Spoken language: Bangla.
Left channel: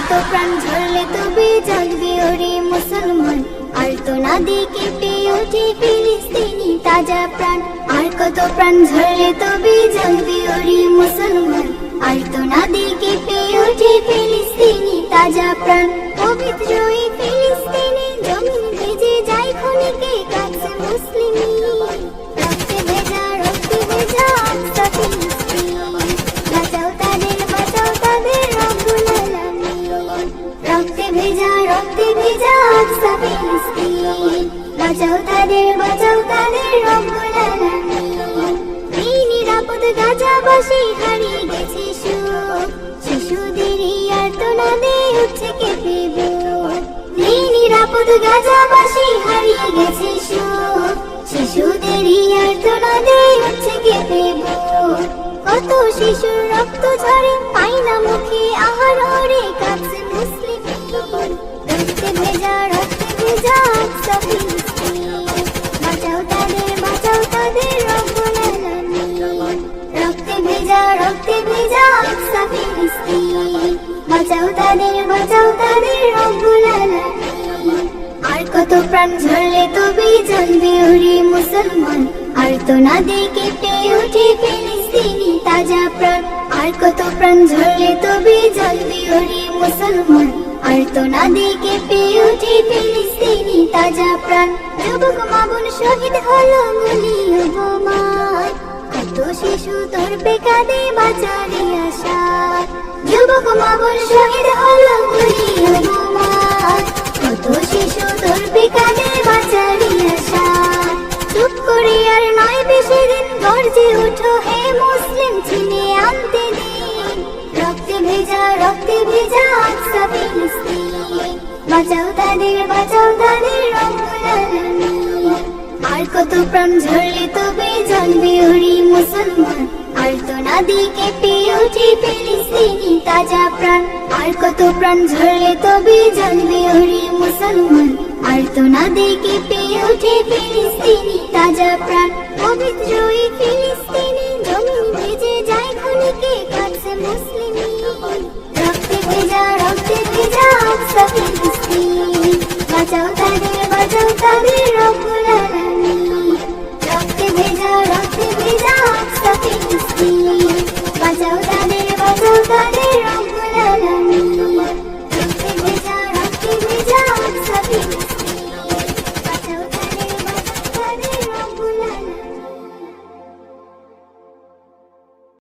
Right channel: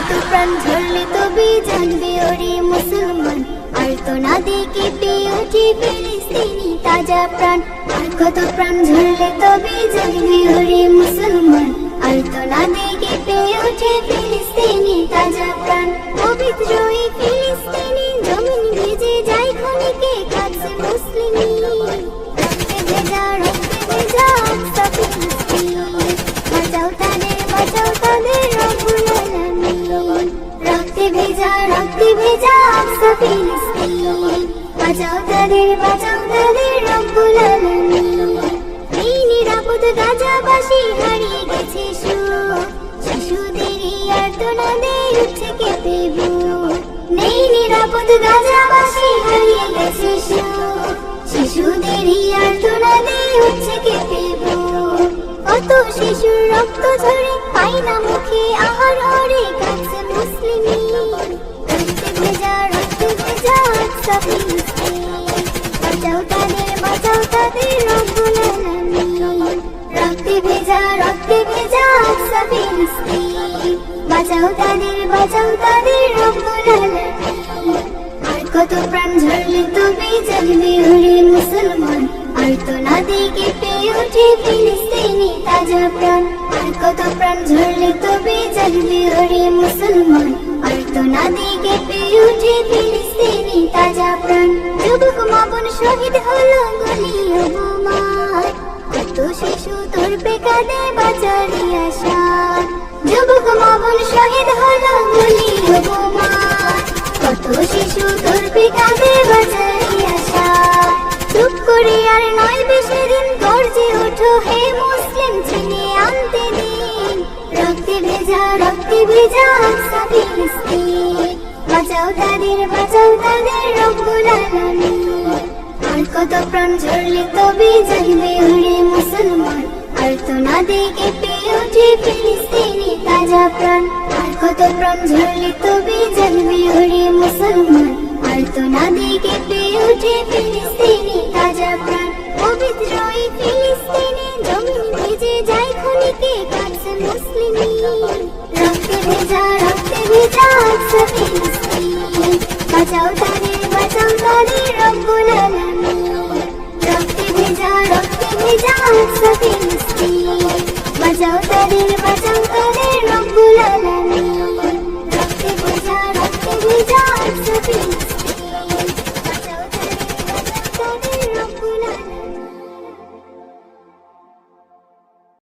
কত প্রাণ ঝরলে তবে জানবে ওরে মুসলমান আর তো না দেখে ওঠে ফিলিস্তিনি তাজা প্রাণ আর কত প্রাণ ঝরলে তবে জানবে ওরে মুসলমান আর তো না দেখে ওঠে ফিলিস্তিনি তাজা প্রাণ পবিত্র বাঁচাও তাদের বাঁচাও তাদের রব্বুল আলামিন এই নিরাপদ গাজাবাসী হারিয়ে গেছে সুখ শিশুদের এই আর্তনাদে উঠছে কেঁপে বুক নেই নিরাপদ গাজাবাসী হারিয়ে গেছে শিশুদের এই আর্তনাদে উঠছে কেঁপে কত শিশুর রক্ত ঝরে, পাই না মুখে আহররে কাছে মুসলিমি। রক্তে ভেজা রক্তে ভেজা ফিলিস্তিন বাঁচাও তাদের বাঁচাও তাদের রক্তে ভেজা রক্তে ভেজা আকসা ফিলিস্তিন বাঁচাও তাদের বাঁচাও তাদের রব্বুল আলামিন আর কত প্রাণ ঝরলে তবে জানবে ওরে মুসলমান। আর তো না পেয়ে ওঠে ফিলিস্তিনি তাজা প্রাণ। আর কত প্রাণ ঝরলে তবে জানবে ওরে মুসলমান। আর তো না পেয়ে ওঠে ফিলিস্তিনি তাজা প্রাণ যুবক মাগুন শহীদ হলো গুলিয়ে বোমায় কত শিশু তোর বেকাদে বাঁচারি আশা যুবক মাগুন শহীদ হলো গুলিয়ে বোমায় কত শিশু তোর বেকাদে বাঁচারি আশা চুপ করে আর নয় বেশি দিন গর্জে ওঠো হে মুসলিম চিনে আনতে দিন। রক্তে ভেজা রক্তে ভেজা আকসা বাঁচাও তাদের বাঁচাও তাদের রব্বুল আলামিন। আর কত প্রাণ ঝরলে তবে জানবে ওরে মুসলমান। আর তো না দেখে পেয়ে ওঠে ফিলিস্তিনি তাজা প্রাণ। আর কত প্রাণ ঝরলে তবে জানবে ওরে মুসলমান। আর তো না পেয়ে ওঠে ফিলিস্তিনি তাজা প্রাণ। পবিত্র এই ফিলিস্তিনে জমিন ভেজে যায় ক্ষণিকে কাছে মুসলিমি। রক্তে ভেজা রক্তে ভেজা ফিলিস্তিন বাঁচাও তাদের বাঁচাও তাদের রব্বুল আলামিন রক্তে ভেজা রক্তে ভেজা সাথে মিষ্টি বাঁচাও তাদের